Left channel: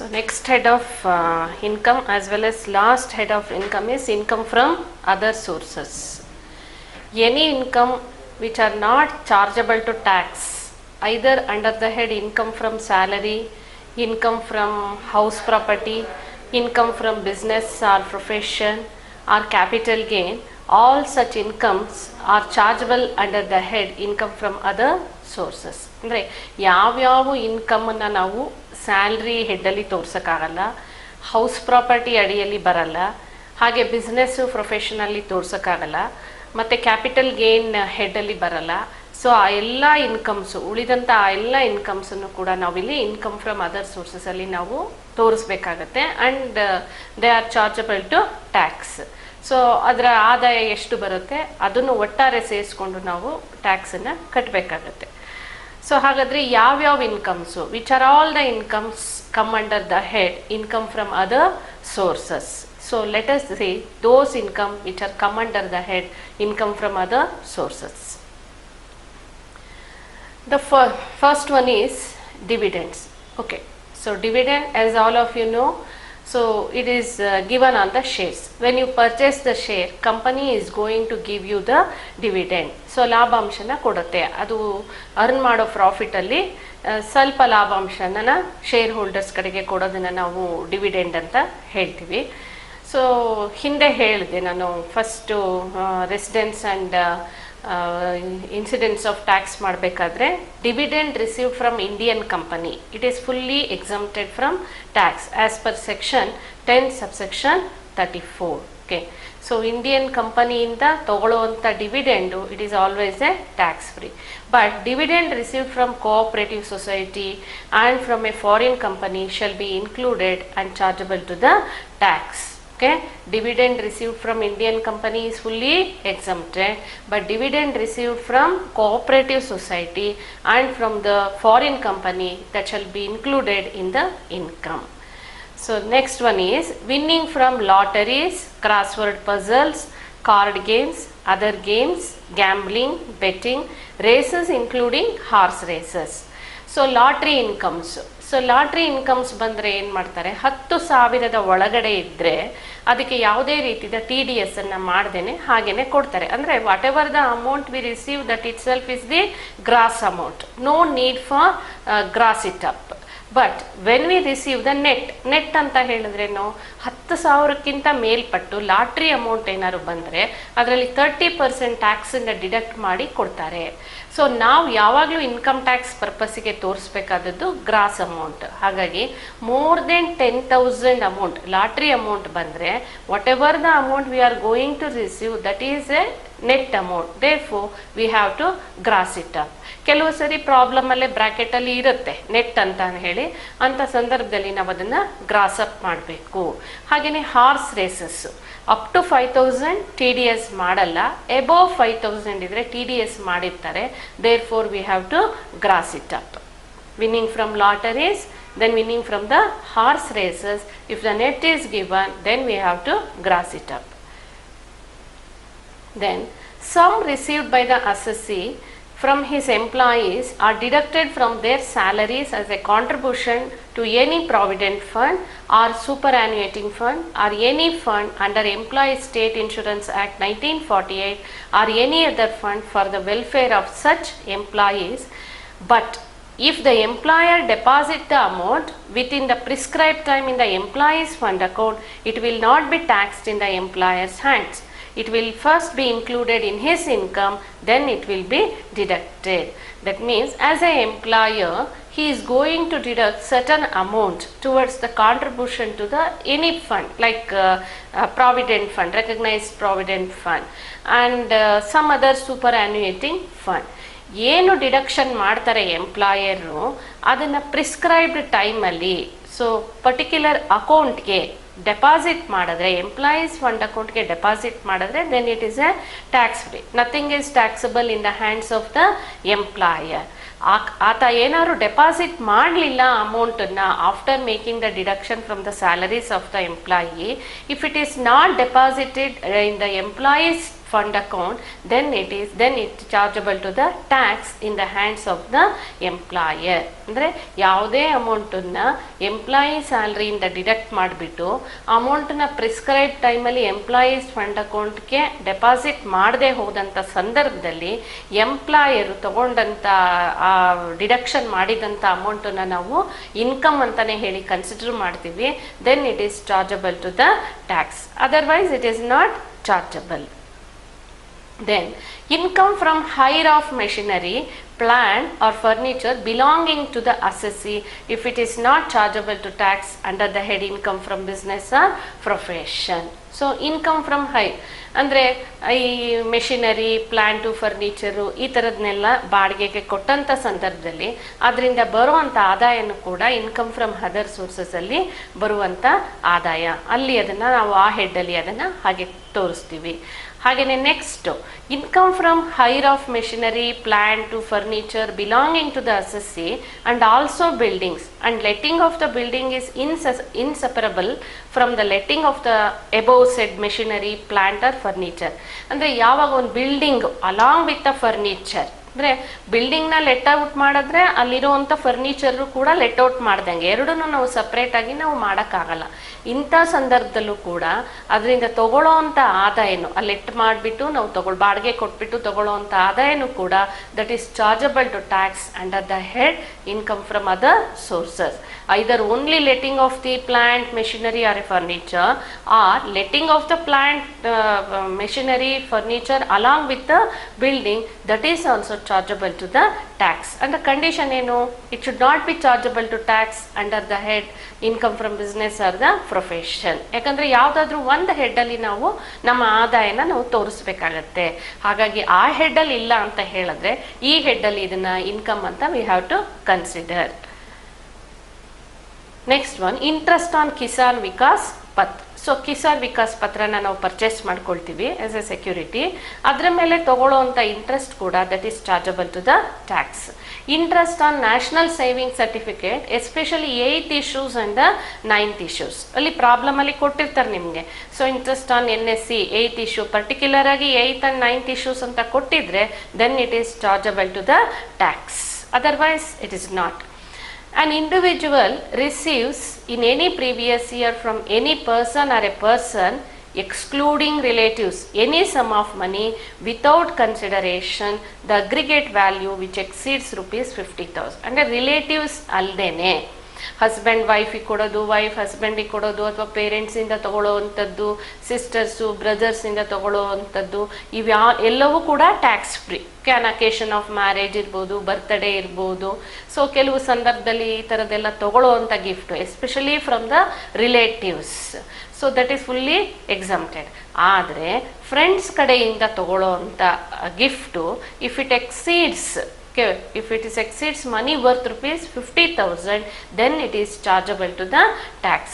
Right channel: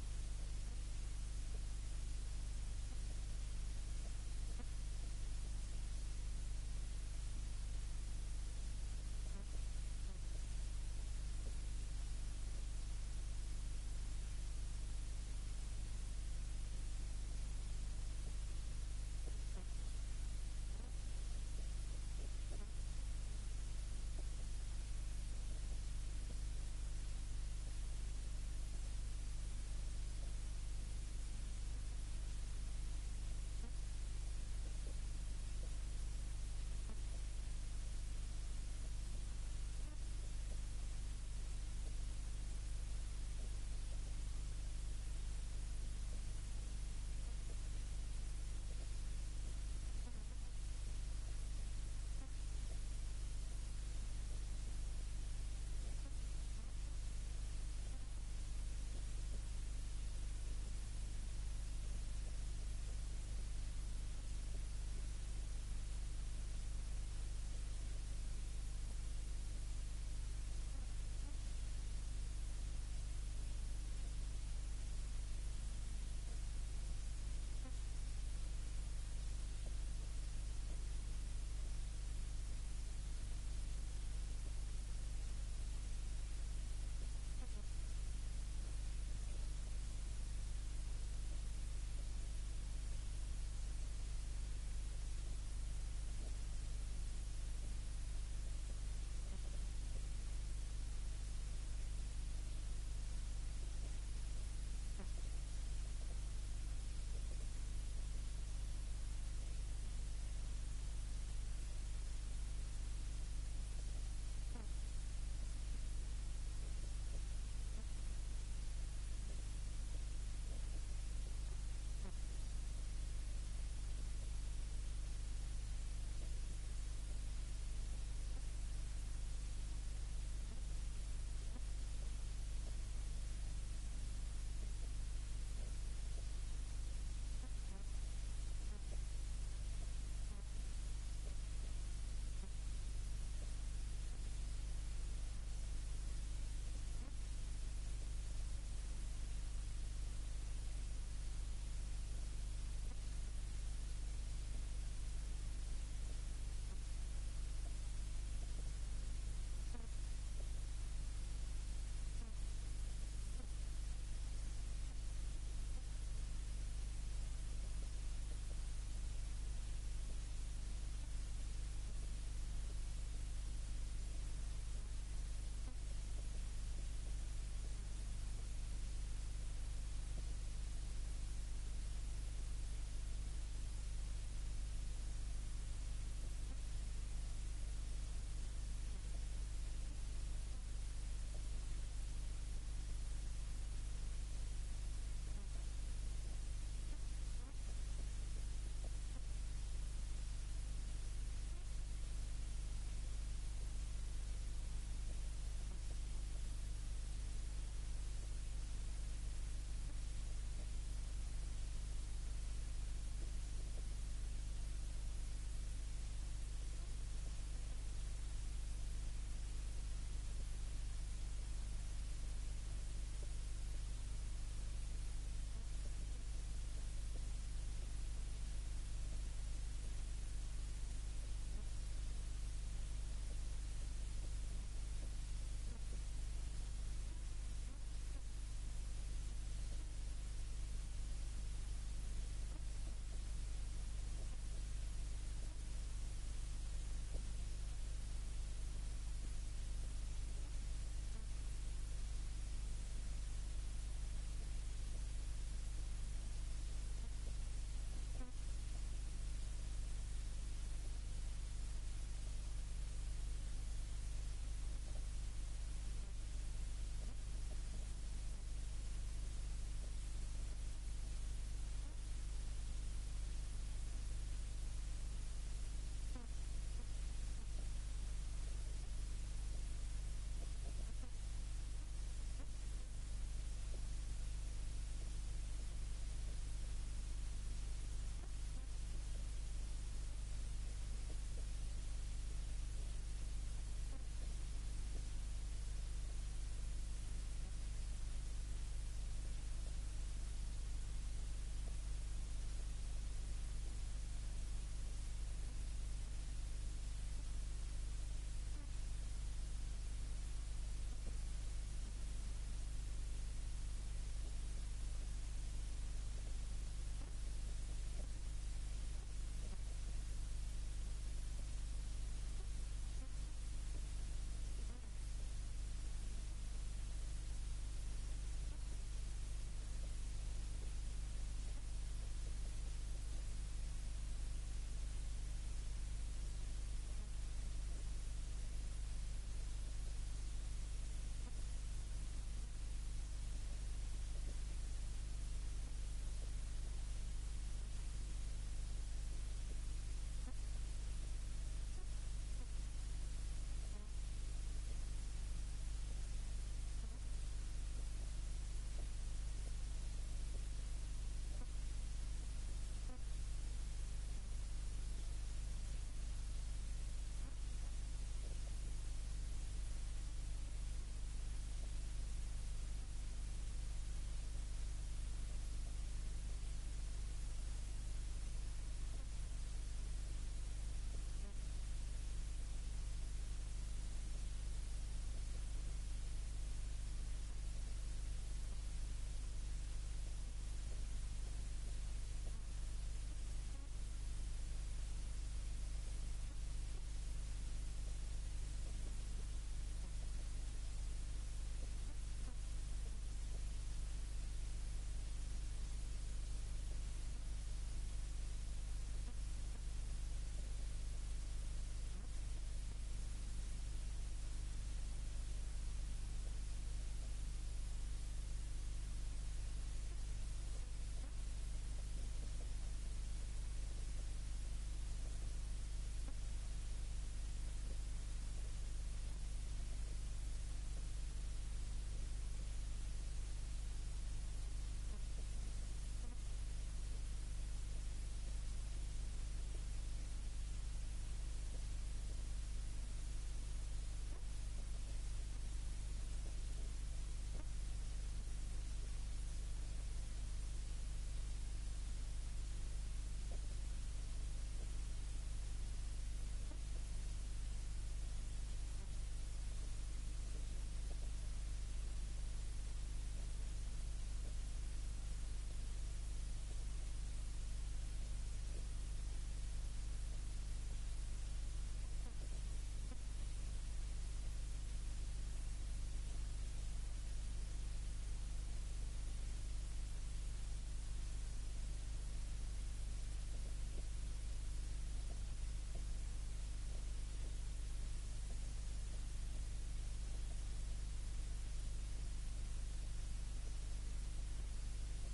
So next head of income as well as last head of income is income from other sources. Any income which are not chargeable to tax, either under the head income from salary, income from house property, income from business or profession or capital gain, all such incomes are chargeable under the head income from other sources. ಅಂದರೆ ಯಾವ್ಯಾವ ಇನ್ಕಮನ್ನು ನಾವು salary ಹೆಡ್ಡಲ್ಲಿ ತೋರ್ಸೋಕ್ಕಾಗಲ್ಲ, house property ಅಡಿಯಲ್ಲಿ ಬರಲ್ಲ, ಹಾಗೆ business ಪ್ರೊಫೆಷನಲ್ಲಿ ತೋರ್ಸೋಕ್ಕಾಗಲ್ಲ, ಮತ್ತು capital gain ಹೆಡ್ಡಲ್ಲಿ ಬರಲ್ಲ. So ಆ ಎಲ್ಲ ಇನ್ಕಮ್ಸು ಉಳಿದಂಥ ಆ ಎಲ್ಲ ಇನ್ಕಮ್ಸನ್ನು ಕೂಡ ನಾವಿಲ್ಲಿ ಇನ್ಕಮ್ ಫ್ರಮ್ ಅದರ್ ಸೋರ್ಸಸಲ್ಲಿ ನಾವು ತೋರಿಸ್ಬೇಕಾಗತ್ತೆ. And they are chargeable to tax. So ಅದರ ಆದಾಯ ಎಷ್ಟು ಬರುತ್ತೆ ಅದನ್ನು ಒಟ್ಟಾರೆ ಸೇರಿಸ್ಕೊಂಡು ನಾವು ಟ್ಯಾಕ್ಸನ್ನು ಕಟ್ಟಬೇಕಾಗತ್ತೆ. ಸೊ ಹಾಗಾದರೆ ಯಾವ್ಯಾವ incomes, which are all the incomes come under the head income from other sources. So let us see those income which are come under the head income from other sources. The first one is dividends. Okay, so dividend, as all of you know, so it is given on the shares. When you purchase the share, company is going to give you the dividend. So ಲಾಭಾಂಶನ ಕೊಡುತ್ತೆ. ಅದು earn ಮಾಡೋ ಪ್ರಾಫಿಟಲ್ಲಿ ಸ್ವಲ್ಪ ಲಾಭಾಂಶನ share holders ಕಡೆಗೆ ಕೊಡೋದನ್ನು ನಾವು dividend ಅಂತ ಹೇಳ್ತೀವಿ. So ಹಿಂದೆ ಹೇಳಿದೆ ನಾನು first residence and incidence of tax ಮಾಡಬೇಕಾದ್ರೆ dividend received from Indian company it is fully exempted from tax as per section 10 subsection 34. Okay, so Indian ಕಂಪನಿಯಿಂದ ತಗೊಳ್ಳುವಂಥ dividend it is always a tax free. But dividend received from cooperative society and from a foreign company shall be included and chargeable to the tax. Okay, dividend received from Indian company is fully exempted, but dividend received from cooperative society and from the foreign company that shall be included in the income. So next one is winning from lotteries, crossword puzzles, card games, other games, gambling, betting, races including horse races. So lottery incomes. So lottery incomes ಬಂದರೆ ಏನು ಮಾಡ್ತಾರೆ, 10,000 ಒಳಗಡೆ ಇದ್ದರೆ ಅದಕ್ಕೆ ಯಾವುದೇ ರೀತಿಯ TDS ಅನ್ನು ಮಾಡ್ದೇನೆ ಹಾಗೇನೆ ಕೊಡ್ತಾರೆ. ಅಂದರೆ whatever the amount we receive that itself is the gross amount, no need for gross it up. But when we receive the net ಅಂತ ಹೇಳಿದ್ರೇನು, 10,000ಕ್ಕಿಂತ ಮೇಲ್ಪಟ್ಟು ಲಾಟ್ರಿ ಅಮೌಂಟ್ ಏನಾದ್ರು ಬಂದರೆ ಅದರಲ್ಲಿ 30% ಟ್ಯಾಕ್ಸನ್ನು ಡಿಡಕ್ಟ್ ಮಾಡಿ ಕೊಡ್ತಾರೆ. ಸೊ ನಾವು ಯಾವಾಗಲೂ ಇನ್ಕಮ್ ಟ್ಯಾಕ್ಸ್ ಪರ್ಪಸ್ಸಿಗೆ ತೋರಿಸ್ಬೇಕಾದದ್ದು ಗ್ರಾಸ್ ಅಮೌಂಟ್. ಹಾಗಾಗಿ more than 10,000 amount lottery amount ಬಂದರೆ whatever the amount we are going to receive that is a net amount, therefore we have to gross it up. ಕೆಲವು ಸರಿ ಪ್ರಾಬ್ಲಮಲ್ಲೇ ಬ್ರ್ಯಾಕೆಟಲ್ಲಿ ಇರುತ್ತೆ net ಅಂತ ಹೇಳಿ, ಅಂಥ ಸಂದರ್ಭದಲ್ಲಿ ನಾವು ಅದನ್ನು ಗ್ರಾಸ್ ಅಪ್ ಮಾಡಬೇಕು. ಹಾಗೆಯೇ horse races up to 5,000 TDS ಮಾಡಲ್ಲ, ಎಬೋವ್ 5,000 ಇದ್ರೆ TDS ಮಾಡಿರ್ತಾರೆ, therefore we have to gross it up. Winning from lotteries, then winning from the horse races, if the net is given then we have to gross it up. Then sum received by the assessee from his employees are deducted from their salaries as a contribution to any provident fund or superannuating fund or any fund under Employees State Insurance Act 1948 or any other fund for the welfare of such employees. But if the employer deposit the amount within the prescribed time in the employee's fund account, it will not be taxed in the employer's hands. It will first be included in his income, then it will be deducted. That means as an employer, he is going to deduct certain amount towards the contribution to the any fund like provident fund, recognized provident fund and some other superannuating fund. ಏನು deduction ಮಾಡ್ತಾರೆ employer ಅದನ್ನು prescribed ಟೈಮಲ್ಲಿ, so particular ಅಕೌಂಟ್ಗೆ deposit ಮಾಡಿದ್ರೆ, employees fund ಅಕೌಂಟ್ಗೆ deposit ಮಾಡಿದ್ರೆ then it is a tax free. Nothing is taxable in the hands of the employer. ಆತ ಏನಾದ್ರು ಡೆಪಾಸಿಟ್ ಮಾಡಲಿಲ್ಲ ಅಮೌಂಟನ್ನು after making the deduction from the salaries of the employee, if it is not deposited in the employees fund account, then it's chargeable to the tax in the hands of the employer. ಅಂದರೆ ಯಾವುದೇ ಅಮೌಂಟನ್ನು employee ಸ್ಯಾಲ್ರಿಯಿಂದ deduct ಮಾಡಿಬಿಟ್ಟು ಅಮೌಂಟನ್ನ prescribe ಟೈಮಲ್ಲಿ employees fund ಅಕೌಂಟ್ಗೆ deposit ಮಾಡದೆ ಹೋದಂಥ ಸಂದರ್ಭದಲ್ಲಿ ಎಂಪ್ಲಾಯರು ತಗೊಂಡಂಥ ಡಿಡಕ್ಷನ್ ಮಾಡಿದಂಥ ಅಮೌಂಟನ್ನು ನಾವು ಇನ್ಕಮ್ ಅಂತಲೇ ಹೇಳಿ ಕನ್ಸಿಡರ್ ಮಾಡ್ತೀವಿ. Then it is chargeable to the tax, otherwise it is not chargeable. Then income from hire of machinery, plant or furniture belonging to the assessee if it is not chargeable to tax under the head income from business or profession. So income from hire ಅಂದರೆ ಈ machinery, plant, furniture ಈ ಥರದನ್ನೆಲ್ಲ ಬಾಡಿಗೆಗೆ ಕೊಟ್ಟಂಥ ಸಂದರ್ಭದಲ್ಲಿ ಅದರಿಂದ ಬರುವಂಥ ಆದಾಯನೂ ಕೂಡ ಇನ್ಕಮ್ ಫ್ರಮ್ ಅದರ್ ಸೋರ್ಸಸಲ್ಲಿ ಬರುವಂಥ ಆದಾಯ, ಅಲ್ಲಿ ಅದನ್ನು ನಾವು ಆ ಹೆಡ್ಡಲ್ಲಿ ಅದನ್ನು ಹಾಗೆ ತೋರಿಸ್ತೀವಿ. ಹಾಗೆಯೇ next income from hire of machinery, plant, furniture belonging to the assessee and also buildings and letting of the building is inseparable from the letting of the above said machinery, plant or furniture. ಅಂದರೆ ಯಾವಾಗ ಒಂದು building along with the furniture, ಅಂದರೆ ಬಿಲ್ಡಿಂಗ್ನ let out ಮಾಡಿದ್ರೆ ಅಲ್ಲಿರುವಂಥ furniture ಕೂಡ let out ಮಾಡ್ದಂಗೆ, ಎರಡೂ ನಾವು ಸಪ್ರೇಟಾಗಿ ನಾವು ಮಾಡೋಕ್ಕಾಗಲ್ಲ. ಇಂಥ ಸಂದರ್ಭದಲ್ಲೂ ಕೂಡ ಅದರಿಂದ ತಗೊಳ್ಳೋ ಅಂಥ ಆದಾಯನು ಲೆಟ್ ಮಾಡಿಬಿಟ್ಟು ನಾವು ಬಾಡಿಗೆ ಕೊಟ್ಬಿಟ್ಟು ತಗೊಳ್ಳೋ ಅಂಥ ಆದಾಯನೂ ಕೂಡ that is chargeable to tax under the head income from other sources, either only letting of the plant, machinery or a furniture, or letting of the plant, machinery, furniture along with the building, that is also chargeable to the tax. And the condition ಏನು, it should not be chargeable to tax under the head income from business or the profession. ಯಾಕಂದರೆ ಯಾವುದಾದ್ರೂ ಒಂದು ಹೆಡ್ಡಲ್ಲಿ ನಾವು ನಮ್ಮ ಆದಾಯನ ನಾವು ತೋರಿಸ್ಬೇಕಾಗತ್ತೆ. ಹಾಗಾಗಿ ಆ ಹೆಡ್ಡಲ್ಲಿ ಇಲ್ಲ ಅಂತ ಹೇಳಿದ್ರೆ ಈ ಹೆಡ್ಡಲ್ಲಿ ಇದನ್ನ ಇನ್ಕಮ್ ಅಂತ we have to consider. Next one, interest on Kisan Vikas Patra. So Kisan Vikas ಪತ್ರನ ನಾವು ಪರ್ಚೇಸ್ ಮಾಡ್ಕೊಳ್ತೀವಿ ಆಸ್ ಎ ಸೆಕ್ಯೂರಿಟಿ, ಅದರ ಮೇಲೆ ತಗೊಳ್ಳೋವಂಥ ಇಂಟ್ರೆಸ್ಟ್ ಕೂಡ that is chargeable to the tax. Interest on national saving certificate, especially 8th issues and 9th issues, ಅಲ್ಲಿ ಪ್ರಾಬ್ಲಮಲ್ಲಿ ಕೊಟ್ಟಿರ್ತಾರೆ ನಿಮಗೆ. So interest on NSC 8th issue, particular ಆಗಿ 8th and 9th issues ಅಂತ ಕೊಟ್ಟಿದ್ರೆ then it is chargeable to the tax, otherwise it is not. An individual receives in any previous year from any person or a person excluding relatives any sum of money without consideration the aggregate value which exceeds rupees 50,000. ಅಂದರೆ relatives ಅಲ್ಲದೇನೆ husband ವೈಫಿಗೆ ಕೊಡೋದು, wife ಹಸ್ಬೆಂಡಿಗೆ ಕೊಡೋದು, ಅಥವಾ ಪೇರೆಂಟ್ಸಿಂದ ತಗೊಳ್ಳೋವಂಥದ್ದು, sisters ಬ್ರದರ್ಸಿಂದ ತಗೊಳ್ಳೋವಂಥದ್ದು, ಎಲ್ಲವೂ ಕೂಡ tax free. Can occasion of marriage ಇರ್ಬೋದು, birthday ಇರ್ಬೋದು. So ಕೆಲವು ಸಂದರ್ಭದಲ್ಲಿ ಈ ಥರದ್ದೆಲ್ಲ ತಗೊಳ್ಳೋವಂಥ gift especially from the relatives, so that is fully exempted. ಆದರೆ ಫ್ರೆಂಡ್ಸ್ ಕಡೆಯಿಂದ ತಗೊಳ್ಳೋ ಅಂಥ gift if it exceeds, if it is exceeds money worth rupees 50,000, then it is chargeable to the tax.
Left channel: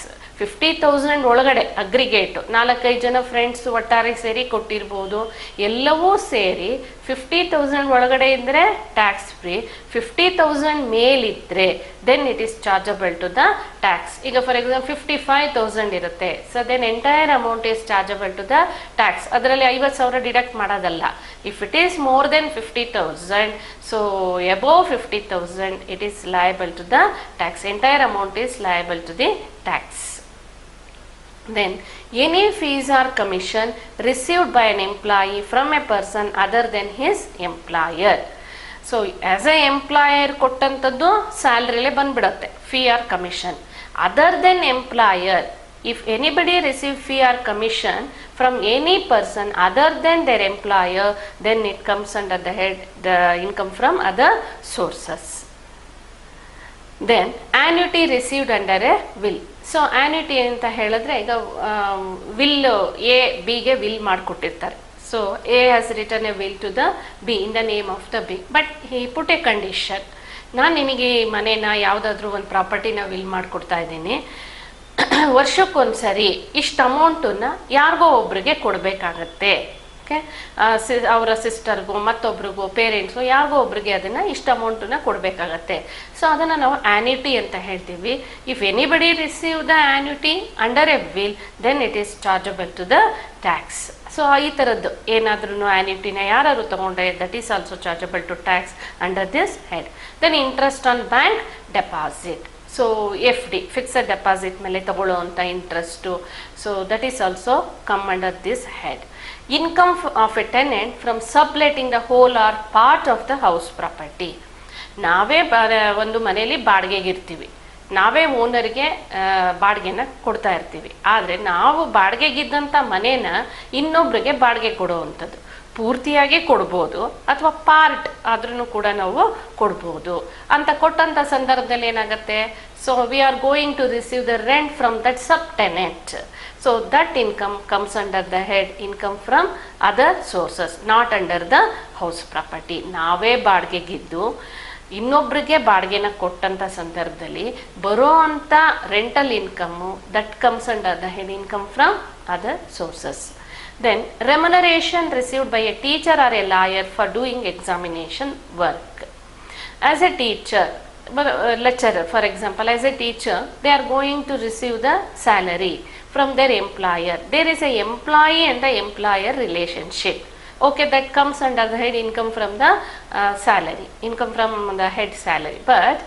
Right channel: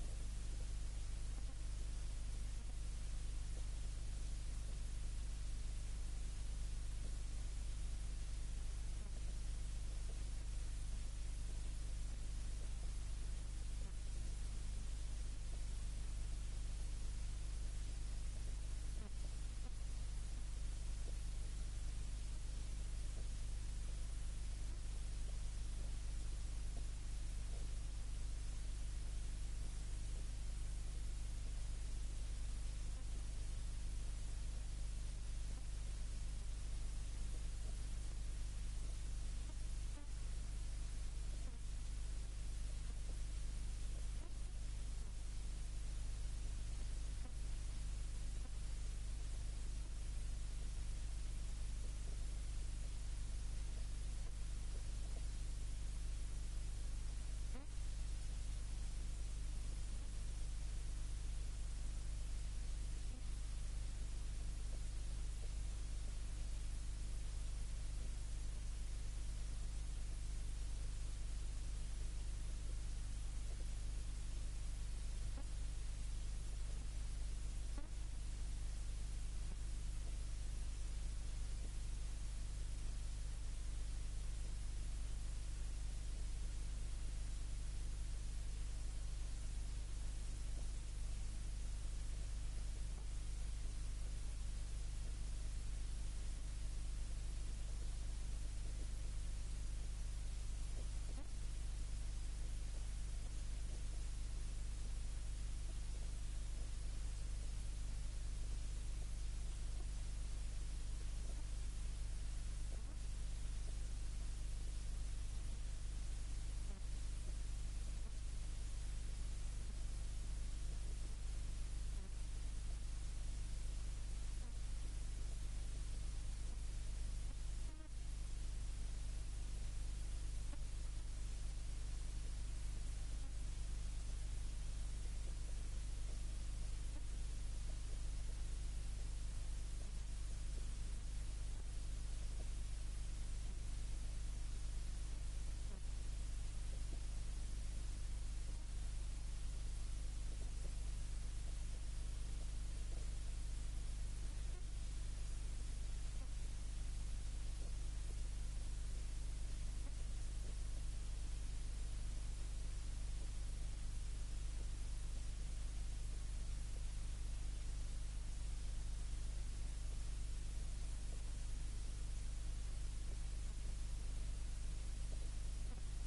50,000 ಒಳಗಡೆ ಅಗ್ರಿಗೇಟ್ 4-5 ಜನ ಫ್ರೆಂಡ್ಸ್ ಒಟ್ಟಾರೆ ಸೇರಿ ಕೊಟ್ಟಿರ್ಬೋದು, ಎಲ್ಲವೂ ಸೇರಿ 50,000 ಒಳಗಡೆ ಇದ್ದರೆ ಟ್ಯಾಕ್ಸ್ ಫ್ರೀ. 50,000 ಮೇಲಿದ್ದರೆ then it is chargeable to the tax. ಈಗ ಫಾರ್ ಎಕ್ಸಾಂಪಲ್ 55,000 ಇರುತ್ತೆ, so then entire amount is chargeable to the tax. ಅದರಲ್ಲಿ 50,000 ಡಿಡಕ್ಟ್ ಮಾಡೋದಲ್ಲ. If it is more than 50,000, so above 50,000 it is liable to the tax. Entire amount is liable to the tax. Then any fees or commission received by an employee from a person other than his employer. So as a employer ಕೊಟ್ಟಂಥದ್ದು ಸ್ಯಾಲ್ರಿಲೇ ಬಂದ್ಬಿಡುತ್ತೆ fee or commission. Other than employer, if anybody receive fee or commission from any person other than their employer, then it comes under the head the income from other sources. Then annuity received under a will. So annuity ಅಂತ ಹೇಳಿದ್ರೆ ಈಗ will A ಬಿಗೆ will ಮಾಡಿಕೊಟ್ಟಿರ್ತಾರೆ. So A has return a will to the B in the name of the B, but he put a condition, ನಾನು ನಿನಗೆ ಮನೇನ ಯಾವುದಾದ್ರೂ ಒಂದು ಪ್ರಾಪರ್ಟಿನ ವಿಲ್ ಮಾಡಿಕೊಡ್ತಾ ಇದ್ದೀನಿ, ವರ್ಷಕ್ಕೊಂದ್ಸರಿ ಇಷ್ಟು ಅಮೌಂಟನ್ನು ಯಾರಿಗೋ ಒಬ್ರಿಗೆ ಕೊಡಬೇಕಾಗತ್ತೆ. ಓಕೆ, ಅವರ ಸಿಸ್ಟರ್ಗೋ ಮತ್ತೊಬ್ರಿಗೋ ಪೇರೆಂಟ್ಸ್ಗೋ ಯಾರಿಗೋ ಒಬ್ರಿಗೆ ಅದನ್ನು ಇಷ್ಟು ಅಮೌಂಟನ್ನು ಕೊಡಬೇಕಾಗತ್ತೆ. ಸೊ ಅದನ್ನು ನಾವು ಆನ್ಯುಟಿ ಅಂತ ಹೇಳ್ತೀವಿ. If anybody receive the annuity under a will then it is chargeable to the tax. So ಈ ಥರದ್ದು ಏನಾದ್ರೂ ಆ್ಯನ್ಯುಟಿನ ಯಾರು ತಗೊಂಡ್ರೆ that is also chargeable to tax under this head. Then interest on bank deposit. So F D fixed deposit ಮೇಲೆ ತಗೊಳ್ಳೋವಂಥ interest, so that is also come under this head. Income of a tenant from subletting the whole or part of the house property. ನಾವೇ ಒಂದು ಮನೆಯಲ್ಲಿ ಬಾಡಿಗೆಗಿರ್ತೀವಿ, ನಾವೇ ಓನರ್ಗೆ ಬಾಡಿಗೆನ ಕೊಡ್ತಾ ಇರ್ತೀವಿ. ಆದರೆ ನಾವು ಬಾಡಿಗೆಗಿದ್ದಂಥ ಮನೇನ ಇನ್ನೊಬ್ರಿಗೆ ಬಾಡಿಗೆ ಕೊಡುವಂಥದ್ದು, ಪೂರ್ತಿಯಾಗಿ ಕೊಡ್ಬೋದು ಅಥವಾ ಪಾರ್ಟ್ ಆದ್ರೂ ಕೂಡ ನಾವು ಕೊಡ್ಬೋದು. ಅಂತ ಕೊಟ್ಟಂಥ ಸಂದರ್ಭದಲ್ಲಿ ಏನಾಗುತ್ತೆ, so we are going to receive the rent from that sub tenant. So that income comes under the head income from other sources, not under the house property. ನಾವೇ ಬಾಡಿಗೆಗಿದ್ದು ಇನ್ನೊಬ್ರಿಗೆ ಬಾಡಿಗೆನ ಕೊಟ್ಟಂಥ ಸಂದರ್ಭದಲ್ಲಿ ಬರೋ ಅಂಥ rental income that comes under the head income from other sources. Then remuneration received by a teacher or a lawyer for doing examination work. As a teacher, lecturer for example, as a teacher they are going to receive the salary from their employer. There is a employee and the employer relationship. Okay, that comes under the head income from the salary, income from the head salary. But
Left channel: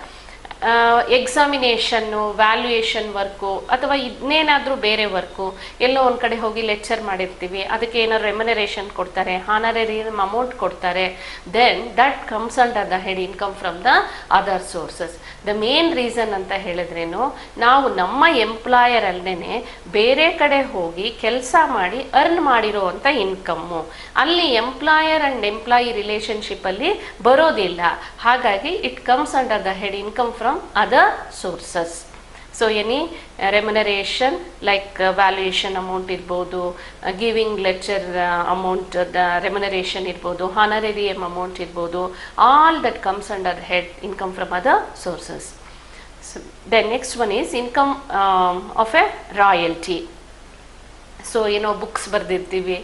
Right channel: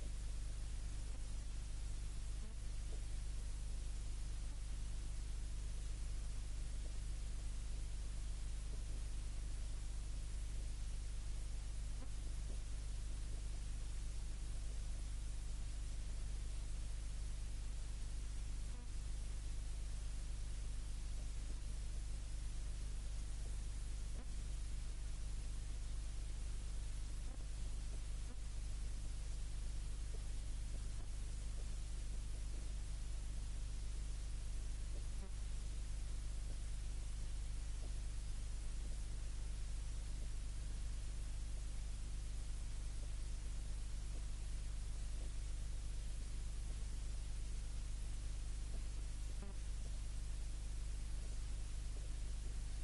examination, valuation work ಅಥವಾ ಇನ್ನೇನಾದರೂ ಬೇರೆ work, ಎಲ್ಲೋ ಒಂದು ಕಡೆ ಹೋಗಿ lecture ಮಾಡಿರ್ತೀವಿ, ಅದಕ್ಕೆ ಏನಾದ್ರು remuneration ಕೊಡ್ತಾರೆ, ಹಾನರರಿ ಅಮೌಂಟ್ ಕೊಡ್ತಾರೆ, then that comes under the head income from the other sources. The main reason ಅಂತ ಹೇಳಿದ್ರೇನು, ನಾವು ನಮ್ಮ ಎಂಪ್ಲಾಯರ್ ಅಲ್ಲದೆ ಬೇರೆ ಕಡೆ ಹೋಗಿ ಕೆಲಸ ಮಾಡಿ ಅರ್ನ್ ಮಾಡಿರೋವಂಥ ಇನ್ಕಮ್ಮು ಅಲ್ಲಿ ಎಂಪ್ಲಾಯರ್ ಆ್ಯಂಡ್ ಎಂಪ್ಲಾಯಿ ರಿಲೇಷನ್ಶಿಪ್ಪಲ್ಲಿ ಬರೋದಿಲ್ಲ. ಹಾಗಾಗಿ it comes under the head income from other sources. So any remuneration like valuation amount irbodu, giving lecture amount, the remuneration irbodu, honorarium amount irbodu, all that comes under head income from other sources. So the next one is income of a royalty. So books ಬರ್ದಿರ್ತೀವಿ,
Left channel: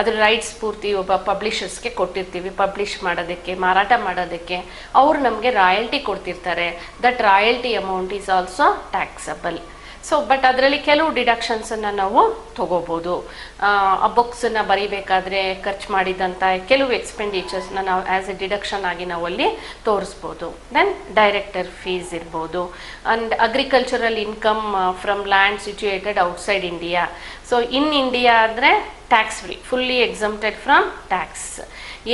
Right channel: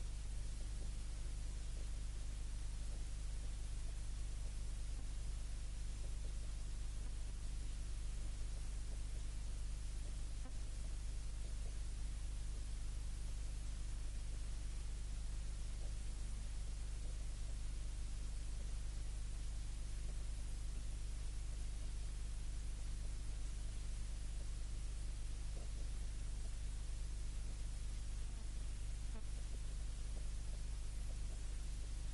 ಅದ್ರ rights ಪೂರ್ತಿ ಒಬ್ಬ ಪಬ್ಲಿಷರ್ಸ್ಗೆ ಕೊಟ್ಟಿರ್ತೀವಿ, publish ಮಾಡೋದಕ್ಕೆ, ಮಾರಾಟ ಮಾಡೋದಕ್ಕೆ. ಅವರು ನಮಗೆ royalty ಕೊಡ್ತಿರ್ತಾರೆ. That royalty amount is also taxable. So but ಅದರಲ್ಲಿ ಕೆಲವು ಡಿಡಕ್ಷನ್ಸನ್ನು ನಾವು ತಗೋಬೋದು. ಆ ಬುಕ್ಸನ್ನು ಬರೀಬೇಕಾದ್ರೆ ಖರ್ಚು ಮಾಡಿದಂಥ ಕೆಲವು ಎಕ್ಸ್ಪೆಂಡಿಚರ್ಸ್ನ ನಾವು ಆ್ಯಸ್ ಎ ಡಿಡಕ್ಷನ್ ಆಗಿ ನಾವು ಅಲ್ಲಿ ತೋರಿಸ್ಬೋದು. ದೆನ್ ಡೈರೆಕ್ಟರ್ ಫೀಸ್ ಇರ್ಬೋದು. And agricultural income from land situated outside India. So in India ಆದರೆ tax free, fully exempted from tax.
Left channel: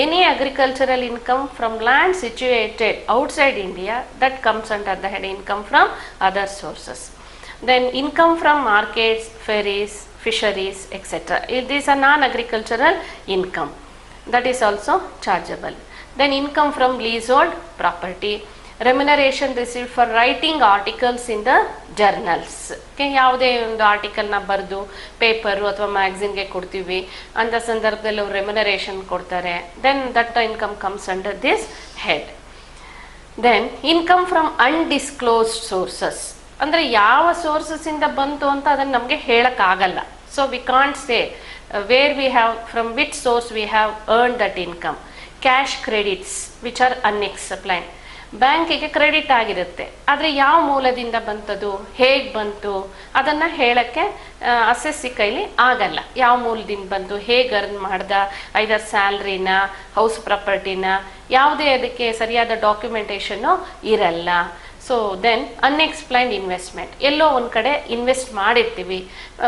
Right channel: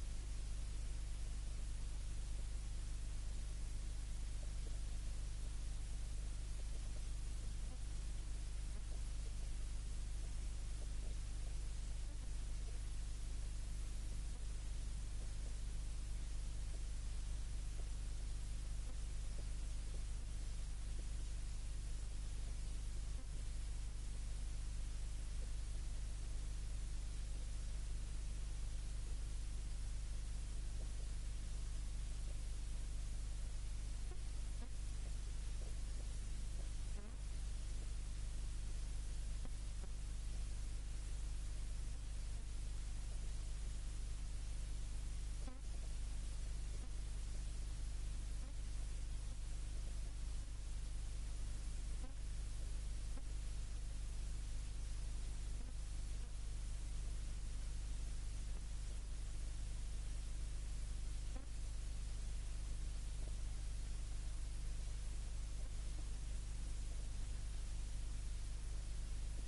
Any agricultural income from land situated outside India, that comes under the head income from other sources. Then income from markets, ferries, fisheries, etc. These are non-agricultural income, that is also chargeable. Then income from leasehold property. Remuneration received for writing articles in the journals. ಯಾವುದೇ ಒಂದು ಆರ್ಟಿಕಲ್ನ ಬರೆದು paper ಅಥವಾ ಮ್ಯಾಗ್ಝಿನ್ಗೆ ಕೊಡ್ತೀವಿ, ಅಂಥ ಸಂದರ್ಭದಲ್ಲಿ ಅವರು remuneration ಕೊಡ್ತಾರೆ. Then that income comes under this head. Then income from undisclosed sources. ಅಂದರೆ ಯಾವ ಸೋರ್ಸಸ್ಸಿಂದ ಬಂತು ಅಂತ ಅದನ್ನು ನಮಗೆ ಹೇಳೋಕ್ಕಾಗಲ್ಲ. So we can't say where we have, from which source we have earn that income. Cash credits which are unexplained. ಬ್ಯಾಂಕಿಗೆ credit ಆಗಿರುತ್ತೆ, ಆದರೆ ಯಾವ ಮೂಲದಿಂದ ಬಂತದು, ಹೇಗೆ ಬಂತು ಅದನ್ನು ಹೇಳೋಕ್ಕೆ ಅಸೆಸ್ಸಿ ಕೈಲಿ ಆಗಲ್ಲ. ಯಾವ ಮೂಲದಿಂದ ಬಂತು, ಹೇಗೆ ಅರ್ನ್ ಮಾಡ್ದ, ಐದರ್ ಸ್ಯಾಲ್ರಿನ, ಹೌಸ್ ಪ್ರಾಪರ್ಟಿನ, ಯಾವುದೇ ಅದಕ್ಕೆ ಸರಿಯಾದ ಡಾಕ್ಯುಮೆಂಟೇಷನ್ನು ಇರಲ್ಲ. So then unexplained investment. ಎಲ್ಲೋ ಒಂದು ಕಡೆ ಇನ್ವೆಸ್ಟ್ ಮಾಡಿರ್ತೀವಿ.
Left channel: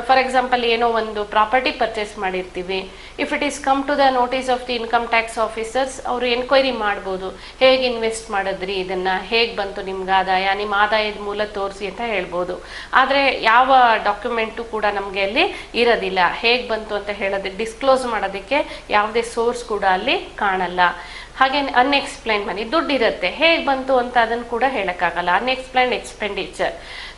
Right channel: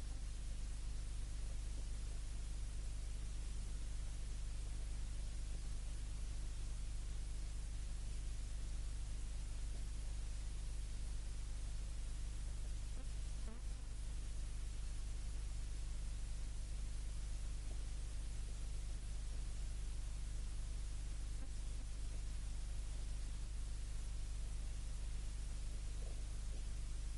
ಫಾರ್ ಎಕ್ಸಾಂಪಲ್ ಏನೋ ಒಂದು ಪ್ರಾಪರ್ಟಿ ಪರ್ಚೇಸ್ ಮಾಡಿರ್ತೀವಿ. If it is come to the notice of the income tax officers, ಅವರು ಎನ್ಕ್ವೈರಿ ಮಾಡ್ಬೋದು, ಹೇಗೆ ಇನ್ವೆಸ್ಟ್ ಮಾಡಿದ್ರಿ, ಇದನ್ನು ಹೇಗೆ ಬಂತು ನಿಮ್ಗೆ ಆದಾಯ, ನಿಮ್ಮ ಆದಾಯದ ಮೂಲ ತೋರಿಸಿ ಅಂತ ಹೇಳ್ಬೋದು. ಆದರೆ ಯಾವ ಡಾಕ್ಯುಮೆಂಟು ಕೂಡ ನಮಗೆ ಅಲ್ಲಿ ಇರೋದಿಲ್ಲ. ಹೇಗೆ ಬಂತು ಅಂತ ಹೇಳೋದಕ್ಕೆ, ಡಿಸ್ಕ್ಲೋಸ್ ಮಾಡೋದಕ್ಕೆ ಯಾವುದೇ ಸೋರ್ಸ್ ಕೂಡ ಅಲ್ಲಿ ಕಾಣಲ್ಲ. ಹಾಗೆ ಅನ್ಎಕ್ಸ್ಪ್ಲೈನ್ ಮನಿ, ದುಡ್ಡು ಇರುತ್ತೆ, ಹೇಗೆ ಬಂತು ಅಂತ ಅದನ್ನು ಕೂಡ ಹೇಳೋಕ್ಕಾಗಲ್ಲ. ಅನ್ಎಕ್ಸ್ಪ್ಲೈನ್ಡ್ ಎಕ್ಸ್ಪೆಂಡಿಚರ್,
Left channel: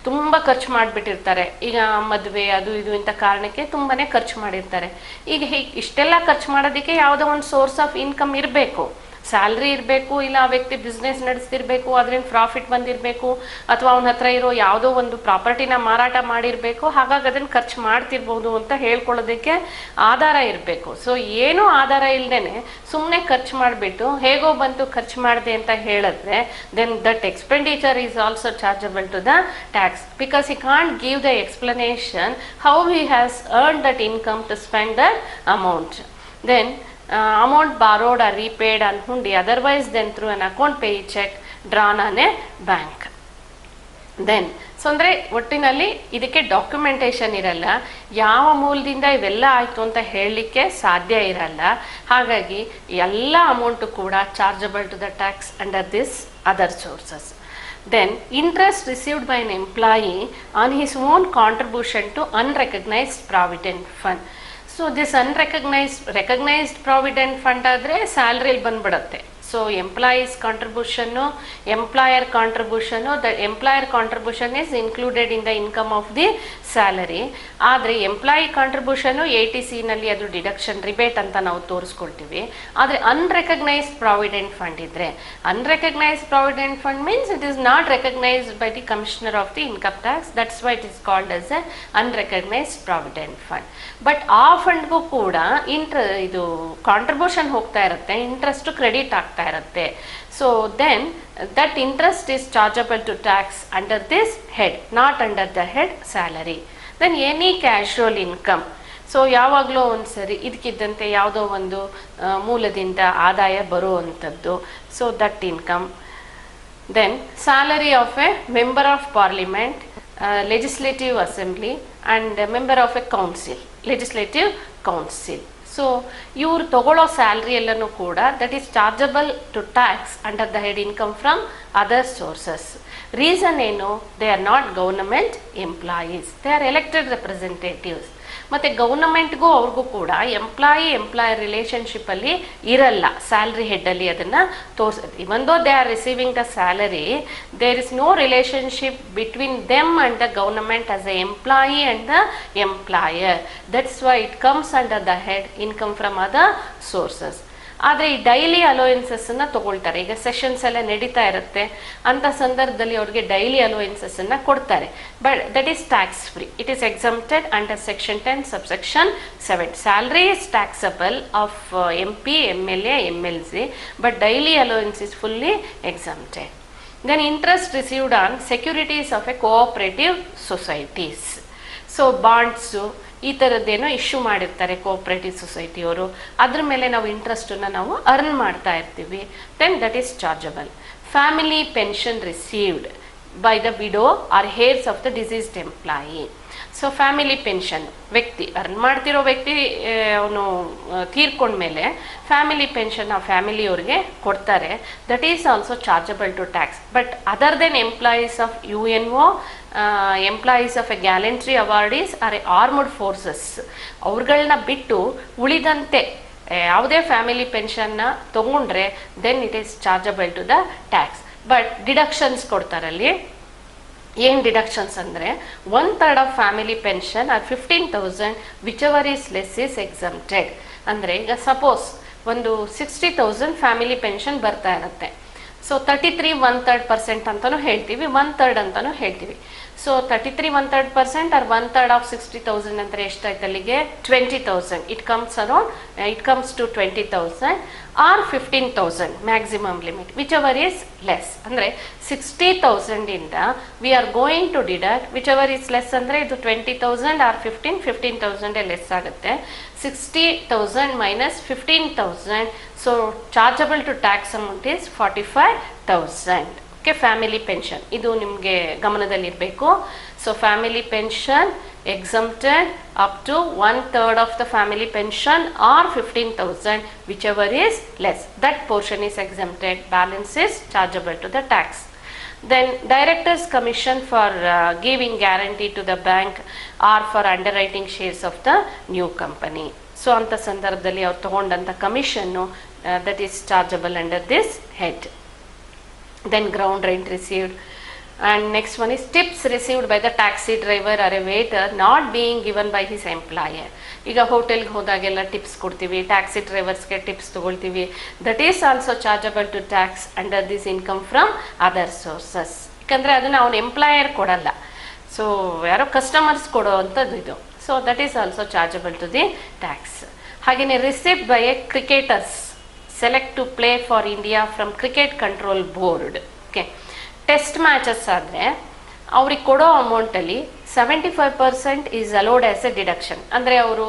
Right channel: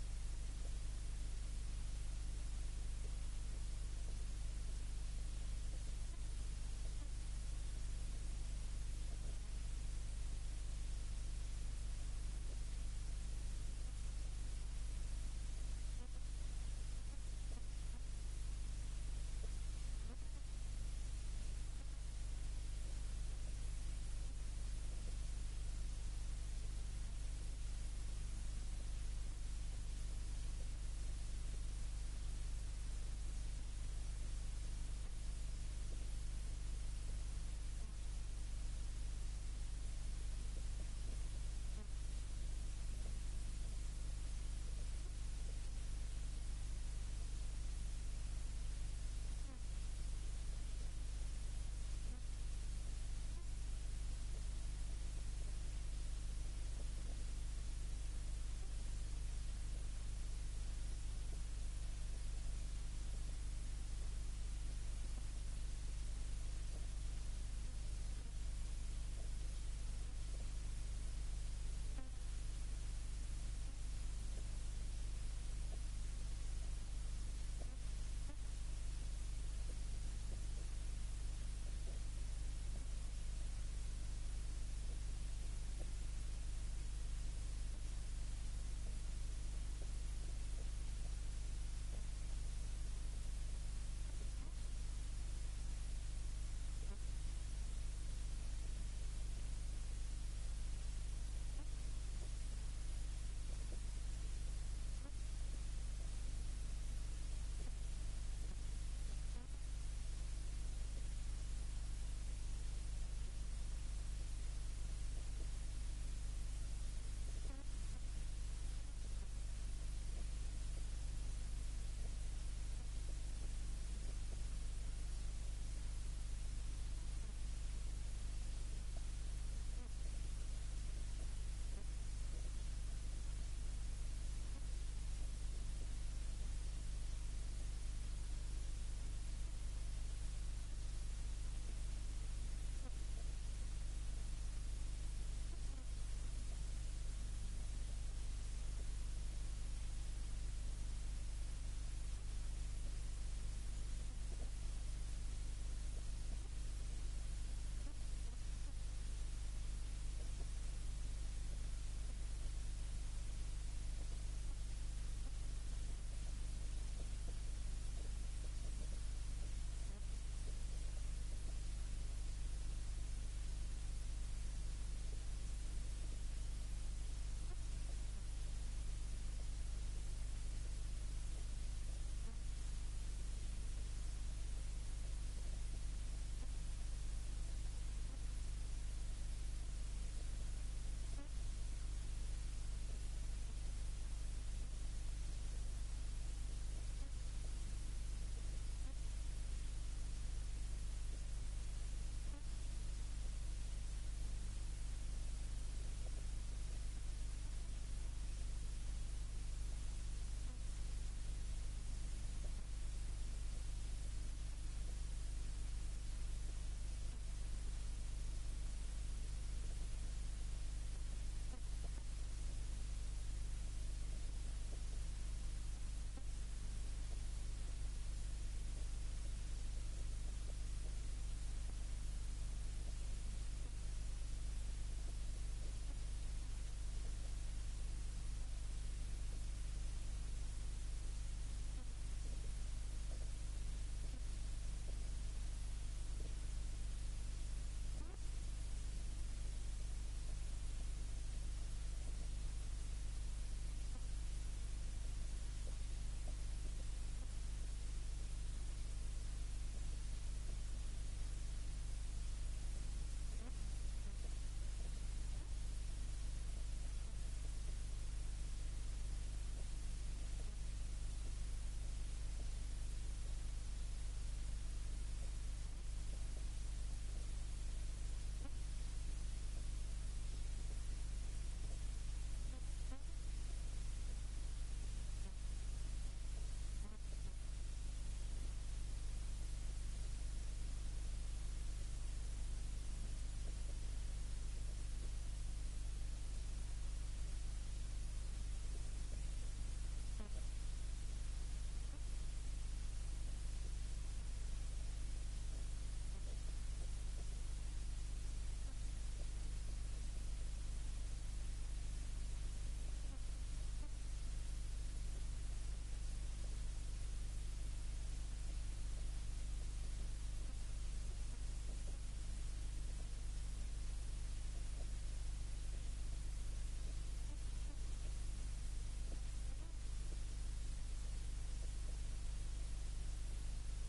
ತುಂಬ ಖರ್ಚು ಮಾಡಿಬಿಟ್ಟಿರ್ತಾರೆ. ಈಗ ಮದುವೆ ಅದು ಇದು ಇಂಥ ಕಾರಣಕ್ಕೆ ತುಂಬಾ ಖರ್ಚು ಮಾಡಿರ್ತಾರೆ. ಈಗ ಇಷ್ಟೆಲ್ಲ ಖರ್ಚು ಮಾಡೋದಕ್ಕೆ ಯಾವುದೋ ಒಂದು ಸೋರ್ಸ್ ಆಫ್ ಇನ್ಕಮ್ ಇರಬೇಕು. ಸ್ಯಾಲ್ರಿ ಇರಬೇಕು, ಇಲ್ಲ ಆ ವ್ಯಕ್ತಿ ಬಿಸ್ನೆಸ್ ನಡೆಸ್ತಿರ್ಬೇಕು, ಅದರಿಂದ ಪ್ರಾಫಿಟ್ ಬಂದಿರಬೇಕು, ಅಥವಾ ಅವನ ಹತ್ರ ಇರೋ ಯಾವುದೋ ಒಂದು ಪ್ರಾಪರ್ಟಿನ ಮಾರಾಟ ಮಾಡಿರಬೇಕು, ಹಾಗಾಗಿ ಅದನ್ನು ಖರ್ಚು ಮಾಡ್ತಿರ್ಬೋದು ಅಂತ ಹೇಳ್ಕೊಳ್ಳೋದಕ್ಕೆ ಆಧಾರ ಇರಬೇಕು. ಸೊ ಏನೂ ಆಧಾರ ಇಲ್ಲದೇನೆ ಸುಮ್ಮನೆ ಖರ್ಚು ಮಾಡಿಬಿಟ್ಟು ಹೇಗೋ ಬಂತು ಖರ್ಚು ಮಾಡಿದೆ ಅಂತ ಹೇಳಿದ್ರೆ then that expenditure is also chargeable to the tax, because he can't give the explanation how he has earned that income to spend that amount. Then amount borrowed or repaid on hundi, otherwise then through an account pay check drawn on a bank. Then so ಅಂದರೆ ಒಟ್ಟಿನಲ್ಲಿ ಇದಕ್ಕೆ documentation ಇರಲ್ಲ, ಯಾವ ಮೂಲದಿಂದ ಇವೆಲ್ಲ ಆಯಿತು ಅಂತ ಹೇಳಲಿಕ್ಕೆ ಸಾಧ್ಯ ಇರಲ್ಲ. ಹಾಗಾಗಿ ಎಲ್ಲ ಅಮೌಂಟು ಕೂಡ chargeable to the tax under this other sources. Then interest received by an employee on his own contribution to unrecognized provident fund. So this recognized provident fund ಆದರೆ ಸ್ಯಾಲ್ರಿಲಿ ಬಂದ್ಬಿಡುತ್ತೆ. So employees contribution, employer contribution, the employer contribution is included in the income of the salary. ಆದರೆ employee contribution ATCನಲ್ಲಿ ಅದು deduction rebate ಅಂತ ನಾವು ತೋರಿಸ್ಕೊಳ್ತೀವಿ. ಆದರೆ unrecognised provident fund ಇದ್ದರೆ, unrecognised provident fund means it is not recognised by the commissioner of the income tax, that's why it is called as A unrecognised provident fund. But ಆ ಫಂಡ್ಗೂ ಕೂಡ ಇದು contribution ಹೋಗ್ತಾ ಇರುತ್ತೆ, interest credit ಆಗ್ತಾ ಇರುತ್ತೆ. So then that interest is chargeable to tax under this head, not under the head salary. Then any casual income, so ಯಾವಾಗಲೂ ಒಂದು ಸರಿ ಇದಕ್ಕಿದ್ದಂತೆ ಯಾವುದೋ ಒಂದು ಮೂಲದಿಂದ ಆದಾಯ ಬರುವಂಥದ್ದು, so that income. Then salary of a member of parliament, legislative assembly and member of a council, legislative council. So ಇವ್ರು ತಗೊಳ್ಳೋ ಸ್ಯಾಲ್ರಿ ಎಲ್ಲನೂ ಕೂಡ that is chargeable to tax under the head income from other sources. Reason ಏನು? They are not government employees, they are elected representatives. ಮತ್ತು ಗೌರ್ನಮೆಂಟ್ಗೂ ಅವ್ರಿಗೂ ಕೂಡ employer ರಿಲೇಷನ್ಶಿಪ್ಪಲ್ಲಿ ಇರಲ್ಲ, ಸ್ಯಾಲ್ರಿ ಹೆಡ್ಡಲ್ಲಿ ಅದನ್ನು ತೋರಿಸುತ್ತೆ. Even though they are receiving the salary, there is no relationship between them and the government as a employee and the employer. That's why it comes under the head income from other sources. ಆದರೆ ಈ daily ಅಲೋಯೆನ್ಸಸ್ಸನ್ನು ತೊಗೊಳ್ತಾರೆ. ಈಗ sessions ಎಲ್ಲ ನಡೀತಾ ಇರುತ್ತೆ, ಅಂಥ ಸಂದರ್ಭದಲ್ಲಿ ಅವ್ರಿಗೆ ಡೈಲಿ ಅಲೋಯೆನ್ಸಸ್ಸನ್ನು ಕೊಡ್ತಾರೆ. But that is tax free, it is exempted under section 10 subsection 7. Salary is taxable of MP, MLA, MLC, but daily allowance is fully exempted. Then interest received on securities of a cooperative societies. So bonds ಈ ಥರದ್ದೇನೋ issue ಮಾಡಿರ್ತಾರೆ cooperative ಸೊಸೈಟಿಯವರು, ಅದ್ರ ಮೇಲೆ ನಾವು ಇಂಟ್ರೆಸ್ಟನ್ನು ನಾವು earn ಮಾಡ್ತಾ ಇರ್ತೀವಿ. Then that is chargeable. Family pension received by the widow or heirs of the deceased employee. So family pension ವ್ಯಕ್ತಿ ಅರ್ನ್ ಮಾಡ್ತಿರೋ ವ್ಯಕ್ತಿ ಅವನು ತೀರ್ಕೊಂಡ್ಮೇಲೆ ಫ್ಯಾಮಿಲಿ ಪೆನ್ಷನ್ ಆ ಫ್ಯಾಮಿಲಿಯವ್ರಿಗೆ ಕೊಡ್ತಾರೆ. That is also chargeable to tax. But other than employees of UNO, employees of a gallantry awardees or a armed forces, ಅವ್ರುಗಳನ್ನ ಬಿಟ್ಟು ಉಳಿದಂತೆ ಯಾವುದೇ ಫ್ಯಾಮಿಲಿ ಪೆನ್ಷನ್ನ ತೊಗೊಂಡ್ರೆ then it is chargeable to the tax. But deductions ಕೊಡ್ತಾರಲ್ಲಿ. ಏನು deductions ಅಂದರೆ 1/3 of family pension or 15,000 which ever is less is exempted. ಅಂದರೆ ಈಗ ಸಪೋಸ್ ಒಂದು 60,000 ಫ್ಯಾಮಿಲಿ ಪೆನ್ಷನ್ ಬರ್ತಾ ಇರುತ್ತೆ. ಸೊ 33 1/3% ಅಂತಲೂ ಹೇಳ್ತೀವಿ, 1/3 ಅಂತಲೂ ಹೇಳ್ತೀವಿ. ಸೊ 33 1/3% ಆರ್ 1/3 ಆಫ್ 60,000 ಅಂದರೆ ಎಷ್ಟಾಯ್ತು ಅಲ್ಲಿಗೆ? 20,000. It comes to 20,000 or 15,000 maximum limit, which ever is less. ಅಂದರೆ 60,000 ಇಂದ we are going to deduct which ever is less. ಅಂದರೆ ಇದು 20,000 ಆರ್ 15,000 ಲೆಸ್ ಆಗುತ್ತೆ. 60,000 minus 15,000, so chargeable to tax amount is 45,000. Okay, family pension ಇದು ನಿಮಗೆ ಗಮನದಲ್ಲಿರಬೇಕು. So family pension exempted up to 1/3 of the family pension or 15,000 whichever is less, that portion is exempted, balance is chargeable to the tax. Then directors commission for giving guarantee to the bank or for underwriting shares of the new company. So anta sandarbhadalli avaru tagondanta commission that is chargeable under this head. Then ground rent received And next one is tips received by the taxi driver or a waiter not being given by his employer. ಈಗ ಹೋಟೆಲ್ಗೆ ಹೋದಾಗೆಲ್ಲ tips ಕೊಡ್ತೀವಿ, taxi ಡ್ರೈವರ್ಸ್ಗೆ tips ತೊಗೊಳ್ತೀವಿ. That is also chargeable to tax under this income from other sources. ಯಾಕಂದರೆ ಅದನ್ನು ಅವನ employer ಕೊಡಲ್ಲ, ಸೊ ಯಾರೋ ಕಸ್ಟಮರ್ಸ್ ಕೊಡೋ ಅಂಥದ್ದು ಇದು. So that is also chargeable to the tax. ಹಾಗೆಯೇ receipt by a cricketers select to play for India from cricket control board. Okay, test matches ಆದರೆ ಅವ್ರಿಗೆ ಕೊಡೋ ಅಮೌಂಟಲ್ಲಿ 75% is allowed as a deduction. ಅಂದರೆ ಅವರು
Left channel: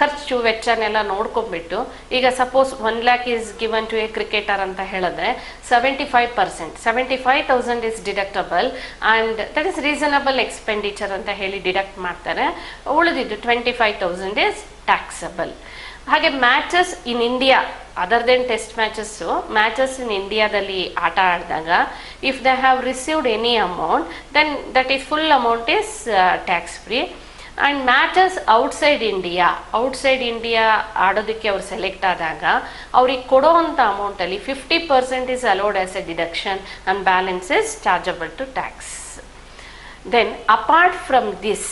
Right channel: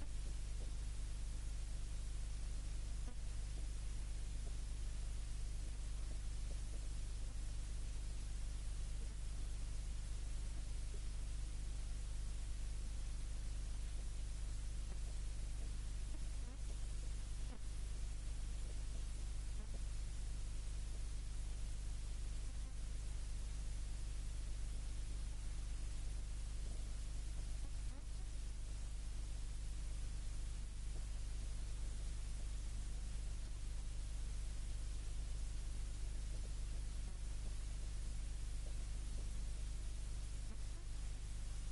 ಖರ್ಚು ವೆಚ್ಚನೆಲ್ಲ ನೋಡ್ಕೊಂಡ್ಬಿಟ್ಟು, ಈಗ suppose 1 lakh is given to a cricketer ಅಂತ ಹೇಳಿದ್ರೆ 75%, 75,000 is deductible and that is reasonable expenditure ಅಂತ ಹೇಳಿ ಡಿಡಕ್ಟ್ ಮಾಡ್ತಾರೆ. ಉಳಿದಿದ್ದು 25,000 ಈಸ್ ಟ್ಯಾಕ್ಸಬಲ್. ಹಾಗೆ matches in India other than test matches in ಇಂಡಿಯಾದಲ್ಲಿ ಆಟ ಆಡಿದಾಗ if they have received any amount then that is full amount is tax free. And matches outside India ಆಡೋದಕ್ಕೆ ಅವ್ರು ಸೆಲೆಕ್ಟ್ ಆದಾಗ ಅವ್ರಿಗೆ ಕೊಡೋವಂಥ ಅಮೌಂಟಲ್ಲಿ 50% is allowed as a deduction and balance is chargeable to tax. Then apart from this,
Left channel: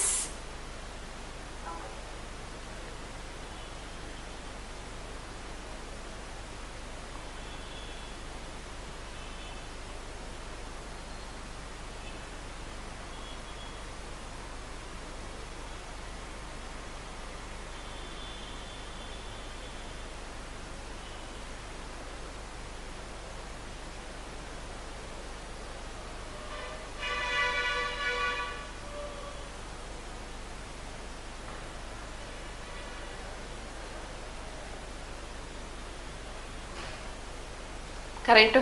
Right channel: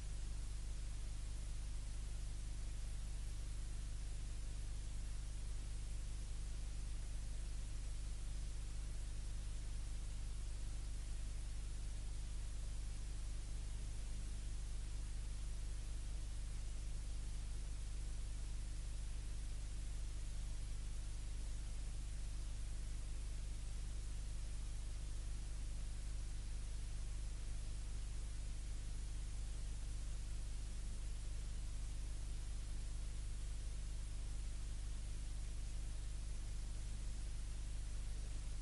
current